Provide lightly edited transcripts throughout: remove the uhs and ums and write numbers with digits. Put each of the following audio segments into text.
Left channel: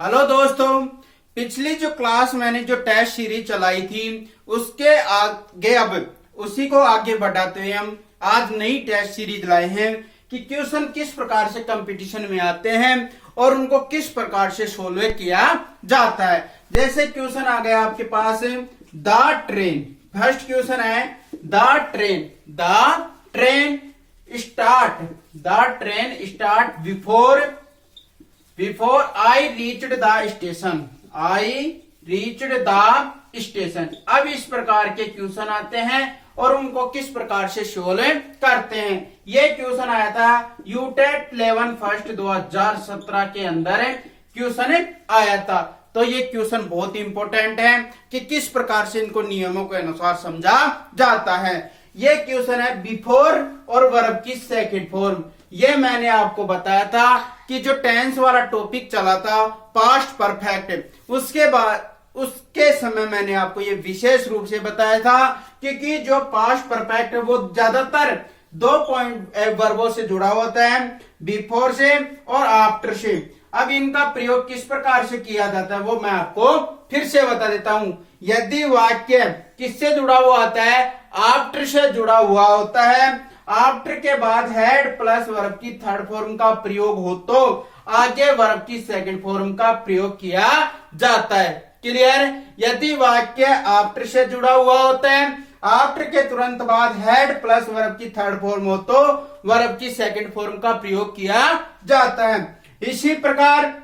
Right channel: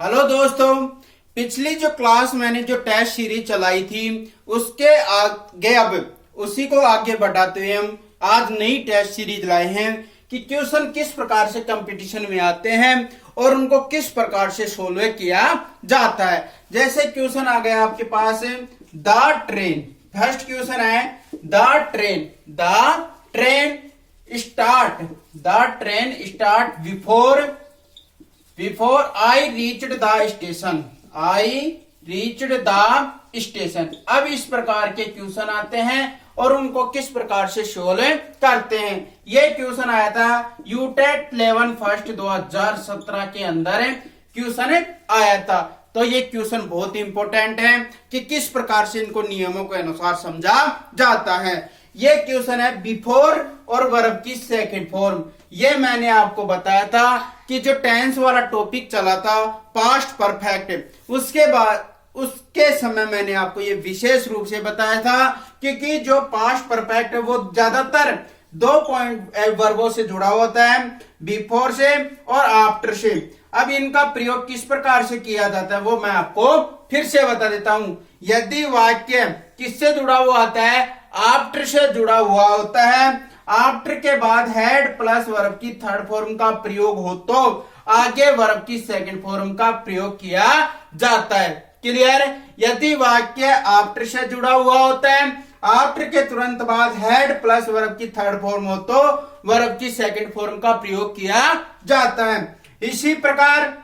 Hello दोस्तों, पिछली जो क्लास मैंने जो टेस्ट सीरीज चलाई थी उसके आगे अब उसी को आगे बढ़ाते हुए हम आज नई टेस्ट सीरीज लाए हैं कि क्वेश्चन किस प्रकार से कंपटीशन में आते हैं और उनको किस प्रकार से सोल्व किया जाता है। जैसे क्वेश्चन आ गया आपके पास द ट्रेन। फर्स्ट क्वेश्चन है the train start before I reached the station. अब इस प्रकार के क्वेश्चन आते हैं और उनको किस प्रकार से सोल्व करते हैं। ये क्वेश्चन आया था यूटेट 11 फर्स्ट 2017 के अंदर क्वेश्चन आया था। तो ये क्वेश्चन बहुत इंपॉर्टेंट है कि किस प्रकार से इनको नियमों के अनुसार समझा जाता है। ये क्वेश्चन है बिफोर और वर्ब की सेकंड फॉर्म। ये मैंने आपको बताया था कि जो टेंस वाला टॉपिक चला था पास्ट परफेक्ट, उसके समय मैंने आपको ये विशेष रूप से बताया था क्योंकि जो पास्ट परफेक्ट है वो ज्यादातर दो पॉइंट वर्बों से जुड़ा होता है, बिफोर से और आफ्टर से। अब इनका प्रयोग किस प्रकार से किया जाता है वो मैं आपको फिर से बता देता हूं। यदि वाक्य किससे जुड़ा हुआ होता है, आफ्टर से जुड़ा हुआ होता है, आफ्टर के बाद हेड प्लस वर्ब की थर्ड फॉर्म का प्रयोग हो तो आगे वर्ब की सेकंड फॉर्म का प्रयोग किया जाता है। क्लियर? यदि वाक्य आफ्टर से जुड़ा हुआ होता है, आफ्टर के तुरंत बाद हेड प्लस वर्ब की थर्ड फॉर्म हो तो वर्ब की सेकंड फॉर्म का प्रयोग किया जाता है। इसी प्रकार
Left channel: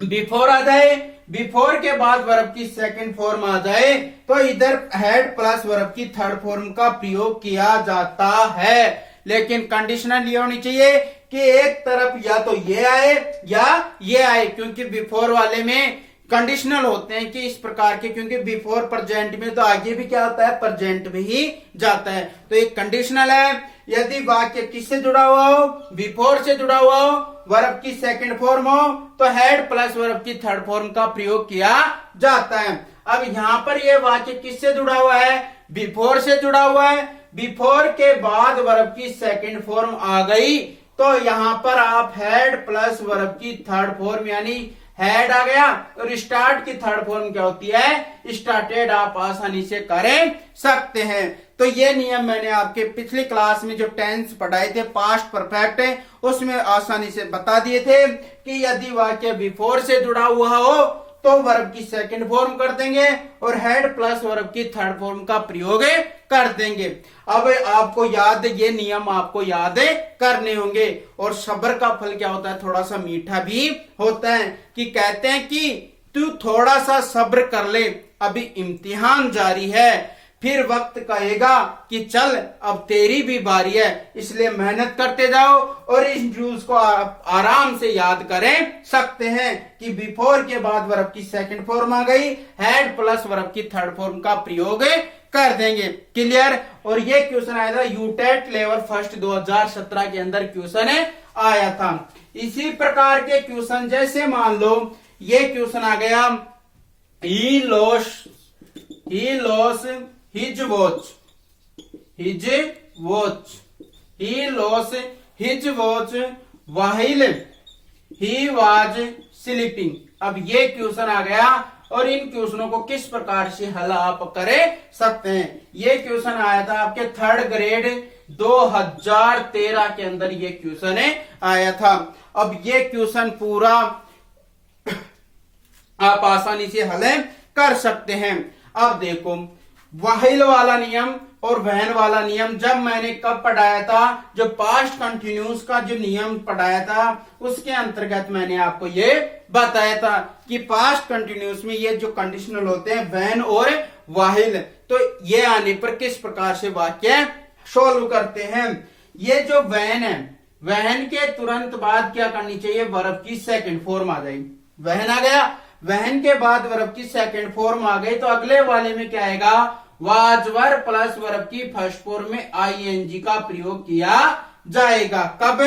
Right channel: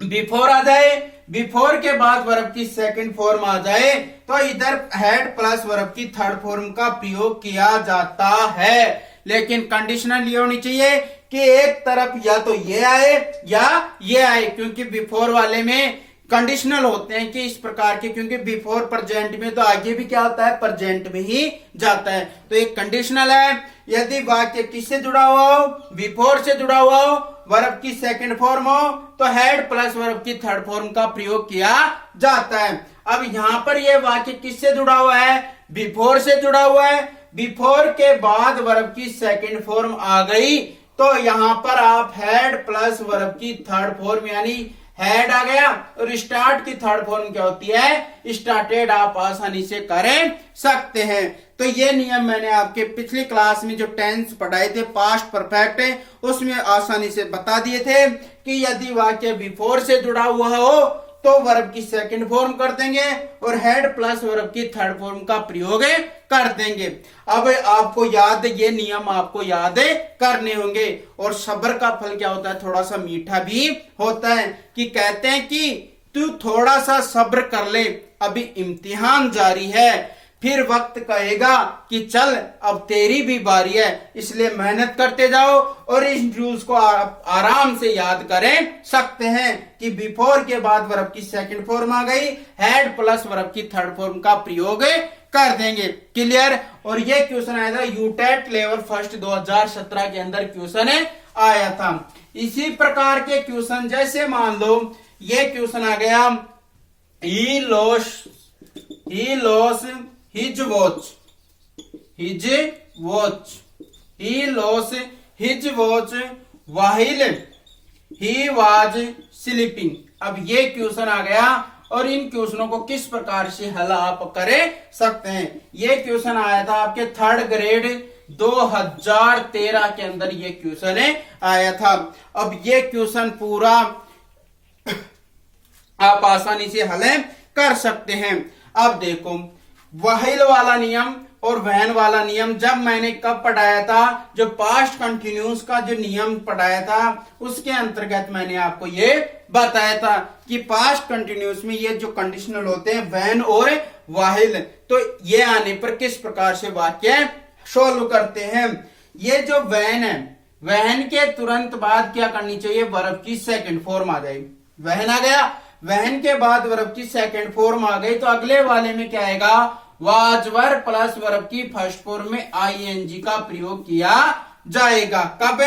बिफोर आ जाए, बिफोर के बाद वर्ब की सेकंड फॉर्म आ जाए तो इधर हेड प्लस वर्ब की थर्ड फॉर्म का प्रयोग किया जाता है। लेकिन कंडीशनल ये होनी चाहिए कि एक तरफ या तो ये आए या ये आए, क्योंकि बिफोर वाले में कंडीशनल होते हैं कि इस प्रकार के, क्योंकि बिफोर प्रेजेंट में तो आगे भी क्या होता है, प्रेजेंट में ही जाता है। तो एक कंडीशनल है। यदि वाक्य किससे जुड़ा हुआ हो, बिफोर से जुड़ा हुआ हो, वर्ब की सेकंड फॉर्म हो तो हेड प्लस वर्ब की थर्ड फॉर्म का प्रयोग किया जाता है। अब यहां पर यह वाक्य किससे जुड़ा हुआ है, बिफोर से जुड़ा हुआ है। बिफोर के बाद वर्ब की सेकंड फॉर्म आ गई तो यहां पर आप हेड प्लस वर्ब की थर्ड फॉर्म यानी हेड आ गया और स्टार्ट की थर्ड फॉर्म क्या होती है, स्टार्टेड, आप आसानी से कर सकते हैं। तो ये नियम मैंने आपके पिछली क्लास में जो टेंस पढ़ाए थे पास्ट परफेक्ट है उसमें आसानी से बता दिए थे कि यदि वाक्य बिफोर से जुड़ा हुआ हो तो वर्ब की सेकंड फॉर्म कर देंगे और हेड प्लस वर्ब की थर्ड फॉर्म का प्रयोग कर देंगे। अब आपको याद, ये नियम आपको याद करने होंगे। और सब्र का फल क्या होता है, थोड़ा सा मीठा भी होता है कि कहते हैं कि तू थोड़ा सा सब्र कर ले, अभी इम्तिहान जारी है, फिर वक्त कहेगा कि चल अब तेरी भी बारी है, इसलिए मेहनत करते जाओ। और इस रूल्स को आप आराम से याद करें सकते हैं कि बिफोर के बाद वर्ब की सेकंड फॉर्म आ गई, हेड प्लस वर्ब की थर्ड फॉर्म का प्रयोग कर देंगे। क्लियर? और ये क्वेश्चन आया था यूटेट लेवल फर्स्ट 2017 के अंदर क्वेश्चन आया था। इसी प्रकार के क्वेश्चन जैसे मान लो ये क्वेश्चन आ गया ही loss his watch while he was sleeping। अब ये क्वेश्चन आ गया और इन क्वेश्चनों को किस प्रकार से हल आप कर सकते हैं। ये क्वेश्चन आया था आपके थर्ड ग्रेड 2013 के अंदर ये क्वेश्चन आया था। अब ये क्वेश्चन पूरा आप आसानी से हल कर सकते हैं। अब देखो वाहिल वाला नियम और वहन वाला नियम जब मैंने कब पढ़ाया था, जो पास्ट कंटिन्यूस का जो नियम पढ़ाया था उसके अंतर्गत मैंने आपको ये बताया था कि पास्ट कंटिन्यूस में ये जो कंडीशनल होते हैं वहन और वाहिल, तो ये आने पर किस प्रकार से वाक्य सोल्व करते हैं। ये जो वहन है, वहन के तुरंत बाद क्या करनी चाहिए, वर्ब की सेकंड फॉर्म आ जाएगी। वहन आ गया, वहन के बाद वर्ब की सेकंड फॉर्म आ गई तो अगले वाले में क्या आएगा, वाज वर्ब प्लस वर्ब की फर्स्ट फॉर्म में आईएनजी का प्रयोग किया जाएगा। कब?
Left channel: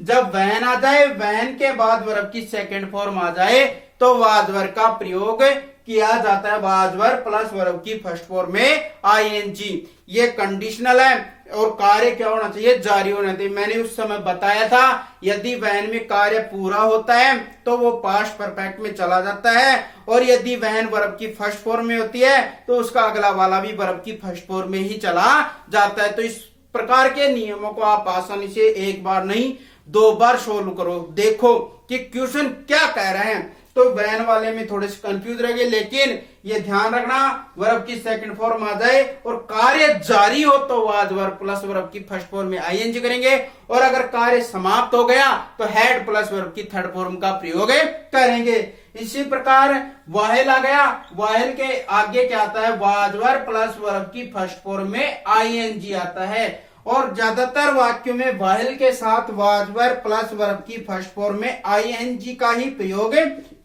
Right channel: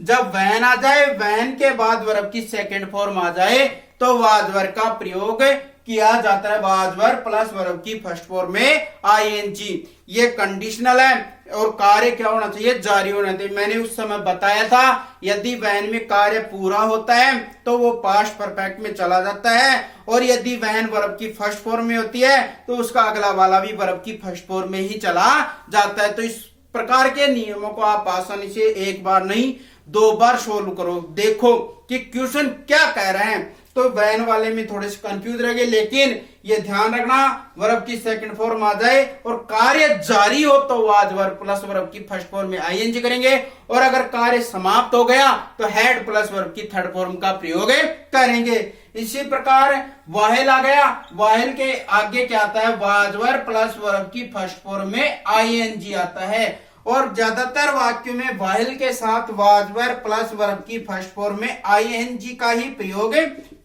जब वहन आ जाए, वहन के बाद वर्ब की सेकंड फॉर्म आ जाए तो वाज वर्ब का प्रयोग किया जाता है वाज वर्ब प्लस वर्ब की फर्स्ट फॉर्म में आईएनजी। ये कंडीशनल है और कार्य क्या होना चाहिए, जारी होना चाहिए। मैंने उस समय बताया था यदि वहन में कार्य पूरा होता है तो वो पास्ट परफेक्ट में चला जाता है, और यदि वहन वर्ब की फर्स्ट फॉर्म में होती है तो उसका अगला वाला भी वर्ब की फर्स्ट फॉर्म में ही चला जाता है। तो इस प्रकार के नियमों को आप आसानी से एक बार नहीं 2 बार सोल्व करो, देखो कि क्वेश्चन क्या कह रहे हैं। तो वैन वाले में थोड़े से कंफ्यूज रहेंगे, लेकिन ये ध्यान रखना वर्ब की सेकंड फॉर्म आ जाए और कार्य जारी हो तो वाज वर्ब प्लस वर्ब की फर्स्ट फॉर्म में आईएनजी करेंगे, और अगर कार्य समाप्त हो गया तो हैड प्लस वर्ब की थर्ड फॉर्म का प्रयोग करेंगे। इसी प्रकार वाहिल आ गया, वाहिल के आगे क्या आता है, वाज वर्ब प्लस वर्ब की फर्स्ट फॉर्म में आईएनजी आता है, और ज्यादातर वाक्यों में वाहिल के साथ वाज वर्ब प्लस वर्ब की फर्स्ट फॉर्म में आईएनजी का ही प्रयोग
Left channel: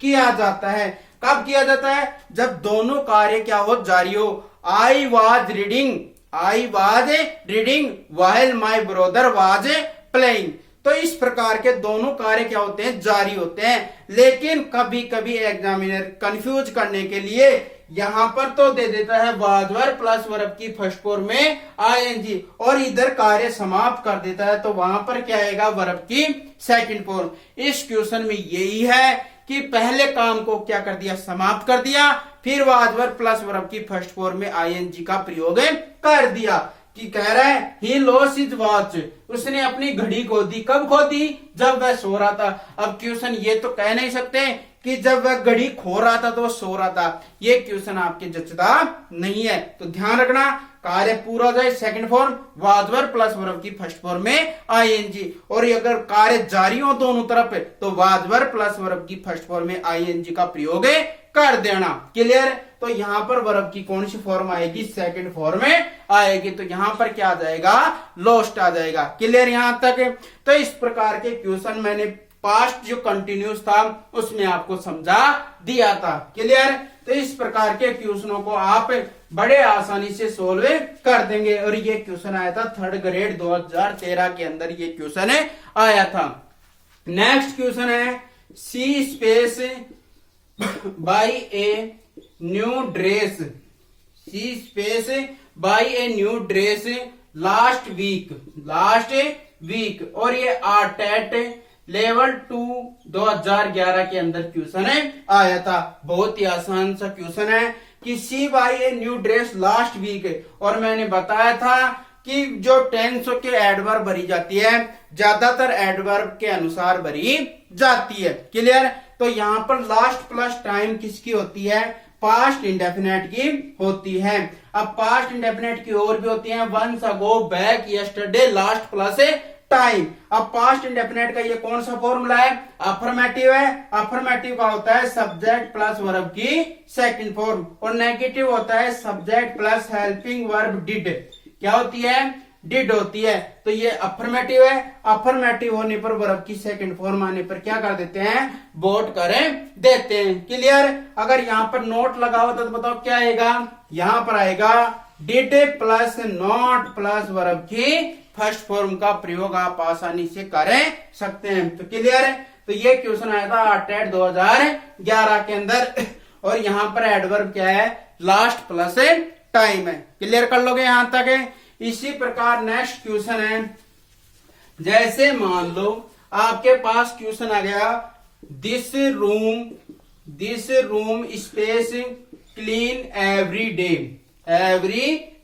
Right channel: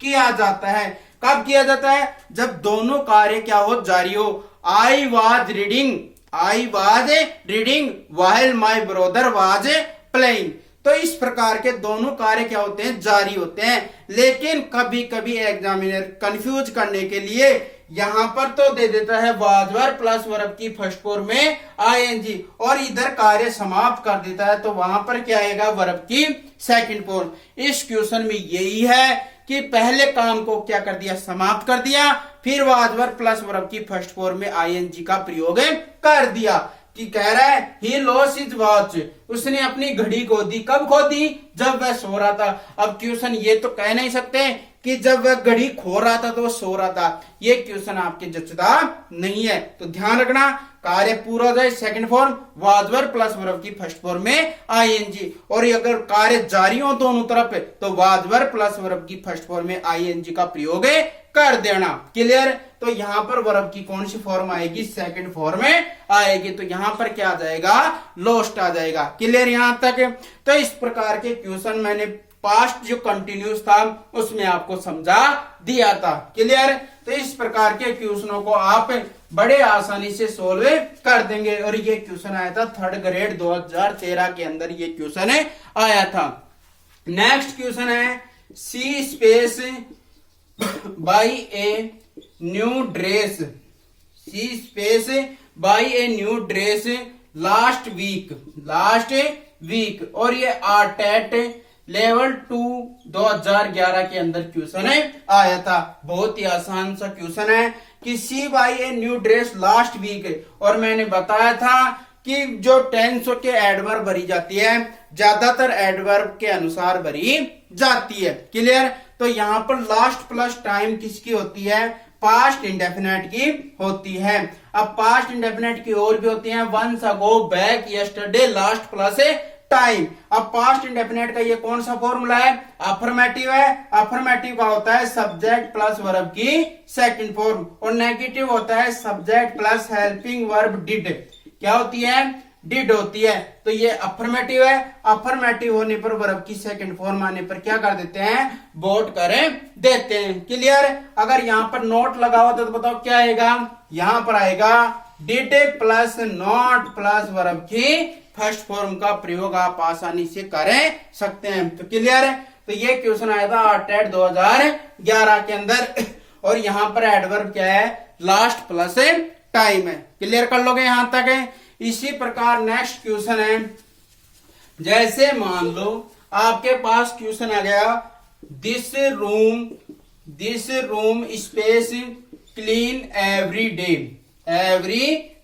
किया जाता है। कब किया जाता है, जब दोनों कार्य क्या हो, जारी हो। I was reading while my brother was playing. तो इस प्रकार के दोनों कार्य क्या होते हैं, जारी होते हैं। लेकिन कभी कभी एग्जामिनर कंफ्यूज करने के लिए यहां पर तो दे देता है वाज वर्ब प्लस वर्ब की फर्स्ट फॉर्म में आईएनजी, और इधर कार्य समाप्त कर देता है तो वहां पर क्या आएगा, वर्ब की सेकंड फॉर्म। इस क्वेश्चन में यही है कि पहले काम को क्या कर दिया, समाप्त कर दिया, फिर वाज वर्ब प्लस वर्ब की फर्स्ट फॉर्म में आईएनजी का प्रयोग कर दिया। कि कह रहा है ही लॉस हिज वॉच, उसने अपनी घड़ी खो दी। कब खो दी, जब वह सो रहा था। अब क्वेश्चन ये तो कह नहीं सकते कि जब वह घड़ी खो रहा था तो वह सो रहा था, ये क्वेश्चन आपके जचता नहीं है। तो ध्यान रखना कार्य पूरा हो जाए second form was verb plus verb की फर्स्ट फॉर्म में आईएनजी, और अगर कार्य जारी हो दोनों तरफ तो वाज वर्ब प्लस वर्ब की फर्स्ट फॉर्म में आईएनजी का प्रयोग कर देना। क्लियर। तो यहां पर वर्ब की कौन सी फॉर्म आएगी, सेकंड फॉर्म में आएगी। तो यहां पर क्या आ जाएगा, लोस्ट आ जाएगा। क्लियर यहां तक। तो इस प्रकार के क्वेश्चन मैंने पास्ट जो कंटिन्यूस था उसमें आपको समझा दिया था। क्लियर। तो इस प्रकार के क्वेश्चनों को आप बड़े आसानी से सोल्व कर देंगे, और ये क्वेश्चन आया था थर्ड ग्रेड 2013 के अंदर ये क्वेश्चन आया था। नेक्स्ट क्वेश्चन है she space buy a new dress, she space buy a new dress last week, और ये आर्टेट लेवल 2 2011 के अंदर क्वेश्चन आया था। बहुत ही आसान सा क्वेश्चन है कि she buy a new dress last week, और मैंने बताया था कि जो टेंस के एडवर्ब भरी जाती है ज्यादातर एडवर्ब के अनुसार भरी जाती है। क्लियर। तो यहां पर लास्ट प्लस टाइम किसकी होती है, पास्ट इंडेफिनेट की होती है। अब पास्ट इंडेफिनेट की और भी होती है, once ago, back, yesterday, last plus time. अब पास्ट इंडेफिनेट का ये कौन सा फॉर्मूला है, अफर्मेटिव है। अफर्मेटिव का होता है सब्जेक्ट प्लस वर्ब की सेकंड फॉर्म, और नेगेटिव होता है subject plus helping verb did. क्या होती है, डिड होती है। तो ये अफर्मेटिव है। अफर्मेटिव होने पर वर्ब की सेकंड फॉर्म आने पर क्या कर देते हैं, बोट करें देते हैं। क्लियर। अगर यहां पर नोट लगा होता तो बताओ क्या आएगा, यहां पर आएगा did plus not plus verb की फर्स्ट फॉर्म का प्रयोग आप आसानी से करें सकते हैं। तो क्लियर है। तो ये क्वेश्चन आया था टेट 2011 के अंदर, और यहां पर एडवर्ब क्या है, लास्ट प्लस टाइम है। क्लियर कर लोगे यहां तक है। इसी प्रकार नेक्स्ट क्वेश्चन है, जैसे मान लो आपके पास क्वेश्चन आ गया this room space clean every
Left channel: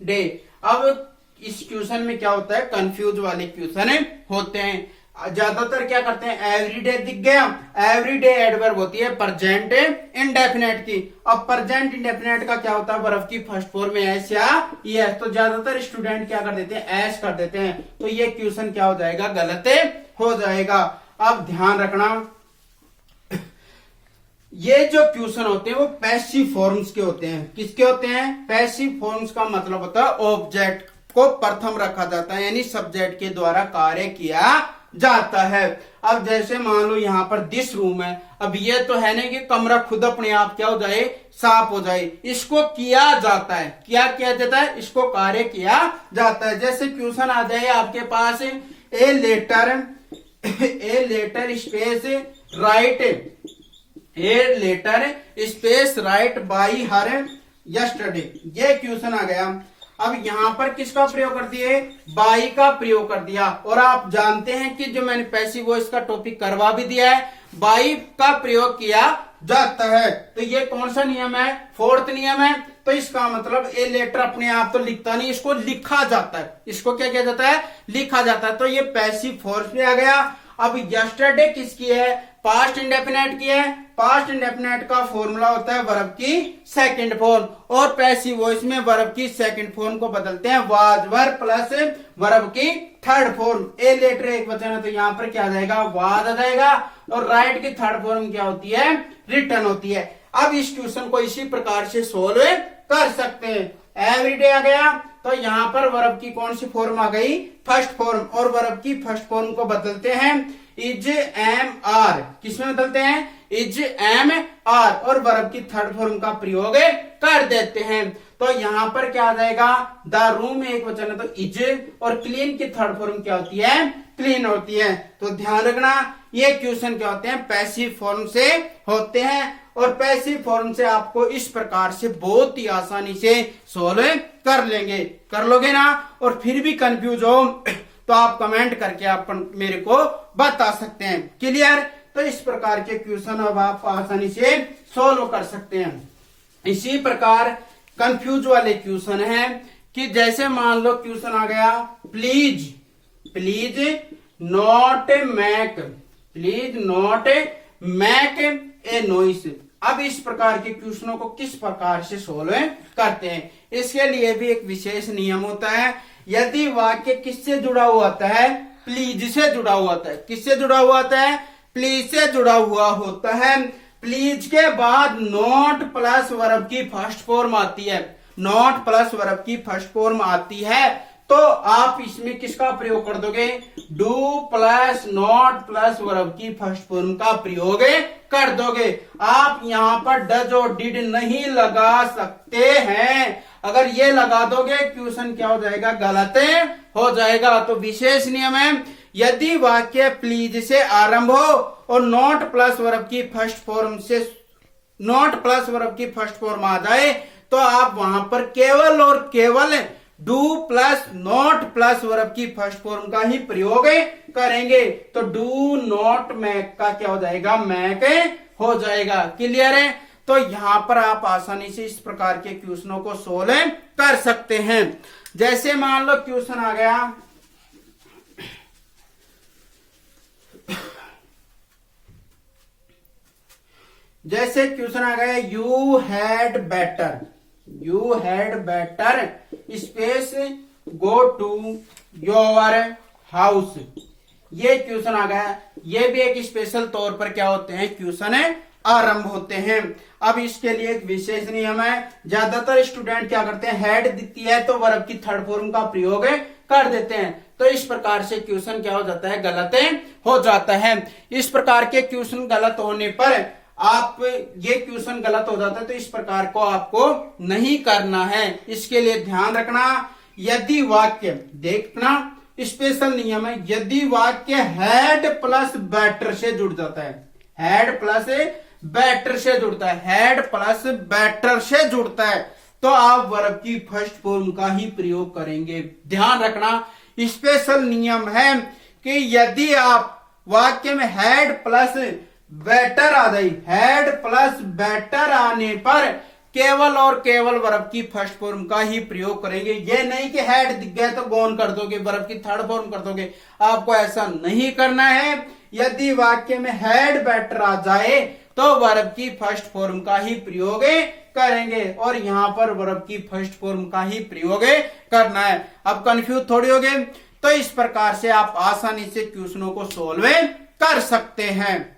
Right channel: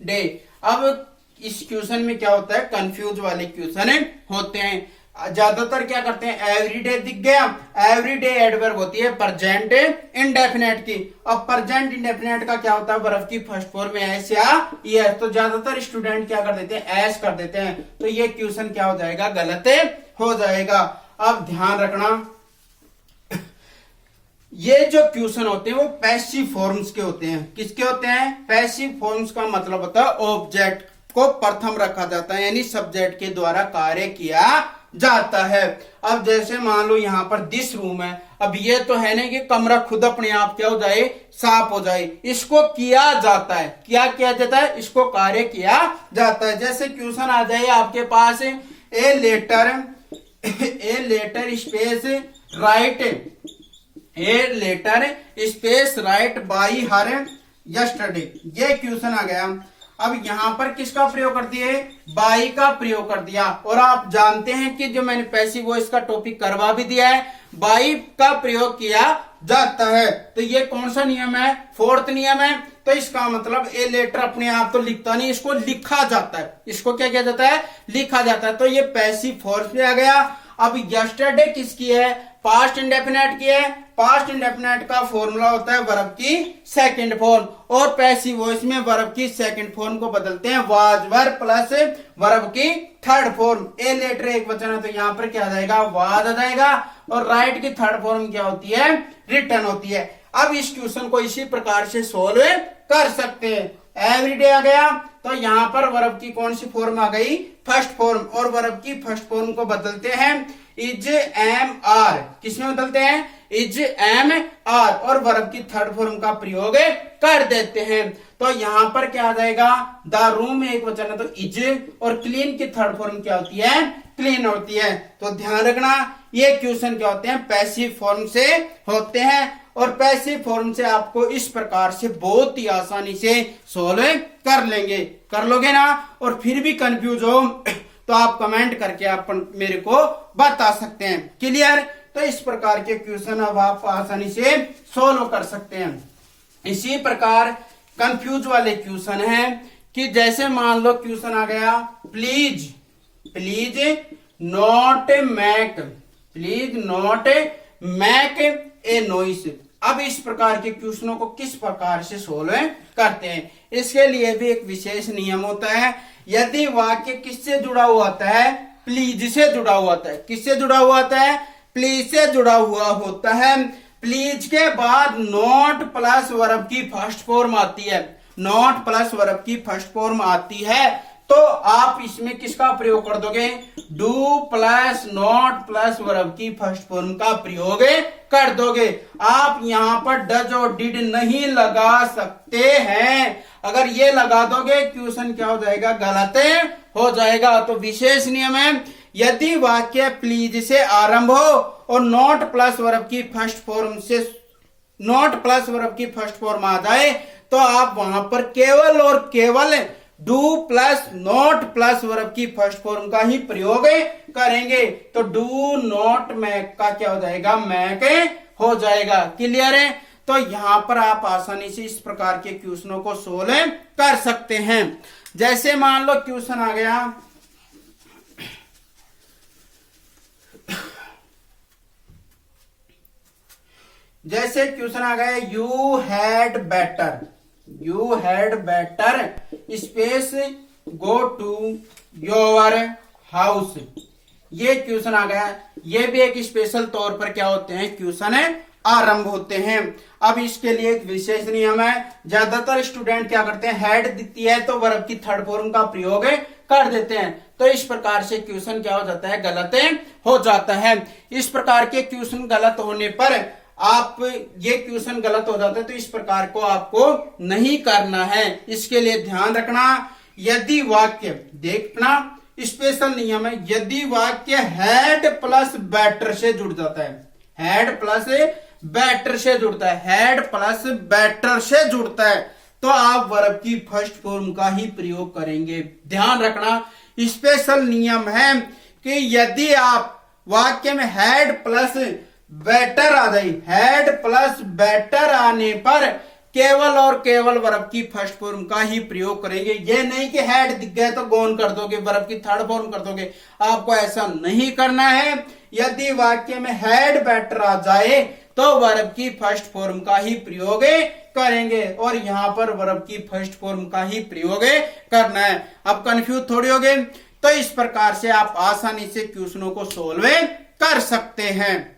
day. अब इस क्वेश्चन में क्या होता है, कंफ्यूज वाले क्वेश्चन होते हैं। ज्यादातर क्या करते हैं, एवरीडे दिख गया, एवरीडे एडवर्ब होती है प्रेजेंट इंडेफिनेट की। अब प्रेजेंट इंडेफिनेट का क्या होता है, वर्ब की फर्स्ट फॉर्म में एस या यस। तो ज्यादातर स्टूडेंट क्या कर देते हैं, एस कर देते हैं। तो ये क्वेश्चन क्या हो जाएगा, गलत हो जाएगा। अब ध्यान रखना ये जो क्वेश्चन होते हैं वो पैसिव फॉर्म्स के होते हैं। किसके होते हैं, पैसिव फॉर्म्स का मतलब होता है ऑब्जेक्ट को प्रथम रखा जाता है, यानी सब्जेक्ट के द्वारा कार्य किया जाता है। अब जैसे मान लो यहां पर दिस रूम है, अब ये तो है नहीं कि कमरा खुद अपने आप क्या हो जाए, साफ हो जाए। इसको किया जाता है, क्या किया जाता है, इसको कार्य किया जाता है। जैसे क्वेश्चन आ जाए आपके पास a letter space write a letter space write by her yesterday, ये क्वेश्चन आ गया। अब यहाँ पर किसका प्रयोग कर दिए, बाई का प्रयोग कर दिया। और आप जानते हैं कि जो मैंने पैसिव वॉइस का टॉपिक करवा भी दिया है, बाई का प्रयोग किया जाता है। तो ये कौन सा नियम है, फोर्थ नियम है। तो इसका मतलब ए लेटर अपने आप तो लिखता नहीं, इसको लिखा जाता है। इसको क्या किया जाता है, लिखा जाता है। तो ये पैसिव फोर्स पे आ गया। अब यस्टरडे किसकी है, पास्ट इंडेफिनेट की है। पास्ट इंडेफिनेट का फॉर्मूला होता है वर्ब की सेकंड फॉर्म, और पैसिव वॉइस में वर्ब की सेकंड फॉर्म को बदलते हैं वाज वर प्लस वर्ब की थर्ड फॉर्म। ए लेटर एक वचन है तो यहाँ पर क्या आ जाएगा, वाज आ जाएगा। और राइट की थर्ड फॉर्म क्या होती है, रिटर्न होती है। अब इस क्वेश्चन को इसी प्रकार से सोल्व कर सकते हैं। एवरीडे आ गया तो यहाँ पर वर्ब की कौन सी फॉर्म आ गई, फर्स्ट फॉर्म। और वर्ब की फर्स्ट फॉर्म को बदलते हैं इज एम आर, किसमें बदलते हैं, इज एम आर। और वर्ब की थर्ड फॉर्म का प्रयोग कर देते हैं। तो यहाँ पर क्या आ जाएगा, द रूम एक वचन है तो इज, और क्लीन की थर्ड फॉर्म क्या होती है, क्लीन होती है। तो ध्यान रखना ये क्वेश्चन क्या होते हैं, पैसिव फॉर्म से होते हैं। और पैसिव फॉर्म से आपको इस प्रकार से बहुत ही आसानी से सोल्व कर लेंगे, कर लोगे ना। और फिर भी कंफ्यूज हो तो आप कमेंट करके आप मेरे को बता सकते हैं। क्लियर। तो इस प्रकार के क्वेश्चन अब आप आसानी से सोल्व कर सकते हैं। इसी प्रकार कंफ्यूज वाले क्वेश्चन हैं कि जैसे मान लो क्वेश्चन आ गया, please please not make, please not make a noise. अब इस प्रकार के क्वेश्चनों को किस प्रकार से सोल्व करते हैं, इसके लिए भी एक विशेष नियम होता है। यदि वाक्य किससे जुड़ा हुआ होता है, प्लीज से जुड़ा हुआ होता है। किससे जुड़ा हुआ होता है, प्लीज से जुड़ा हुआ होता है। प्लीज के बाद नॉट प्लस वर्ब की फर्स्ट फॉर्म आती है, नॉट प्लस वर्ब की फर्स्ट फॉर्म आती है। तो आप इसमें किसका प्रयोग कर दोगे, do plus not plus verb की फर्स्ट फॉर्म का प्रयोग कर दोगे। आप यहाँ पर डज और डिड नहीं लगा सकते हैं। अगर ये लगा दोगे क्वेश्चन क्या हो जाएगा, गलत हो जाएगा। तो विशेष नियम है, यदि वाक्य प्लीज से आरंभ हो और नॉट प्लस वर्ब की फर्स्ट फॉर्म से, नॉट प्लस वर्ब की फर्स्ट फॉर्म आ जाए तो आप वहां पर केवल और केवल do plus not plus verb की फर्स्ट फॉर्म का ही प्रयोग करेंगे। तो डू नॉट मैक का क्या हो जाएगा, मैक हो जाएगा। क्लियर है। तो यहां पर आप आसानी से इस प्रकार के क्वेश्चनों को सोल्व कर सकते हैं। जैसे मान लो क्वेश्चन आ गया, जैसे क्वेश्चन आ गया, you had better, you had better space go to your house. ये क्वेश्चन आ गया। ये भी एक स्पेशल तौर पर क्या होते हैं, क्वेश्चन आरंभ होते हैं। अब इसके लिए एक विशेष नियम है। ज्यादातर स्टूडेंट क्या करते हैं, हैड दिखती है तो वर्ब की थर्ड फॉर्म का प्रयोग कर देते हैं। तो इस प्रकार से क्वेश्चन क्या हो जाता है, गलत हो जाता है। इस प्रकार के क्वेश्चन गलत होने पर आप, ये क्वेश्चन गलत हो जाता है तो इस प्रकार को आपको नहीं करना है। इसके लिए ध्यान रखना, यदि वाक्य, देखना स्पेशल नियम है, यदि वाक्य हैड प्लस बेटर से जुड़ जाता है, हैड प्लस बेटर से जुड़ता है, हैड प्लस बेटर से जुड़ता है, तो आप वर्ब की फर्स्ट फॉर्म का ही प्रयोग करेंगे। ध्यान रखना स्पेशल नियम है कि यदि आप वाक्य में हैड प्लस बेटर आ जाए, हैड प्लस बेटर आने पर केवल और केवल वर्ब की फर्स्ट फॉर्म का ही प्रयोग करेंगे। ये नहीं कि हैड दिख गया तो गॉन कर दोगे, वर्ब की थर्ड फॉर्म कर दोगे। आपको ऐसा नहीं करना है। यदि वाक्य में हैड बेटर आ जाए तो वर्ब की फर्स्ट फॉर्म का ही प्रयोग करेंगे, और यहां पर वर्ब की फर्स्ट फॉर्म का ही प्रयोग करना है। अब कंफ्यूज थोड़ी हो गए। तो इस प्रकार से आप आसानी से क्वेश्चनों को सोल्व कर सकते हैं।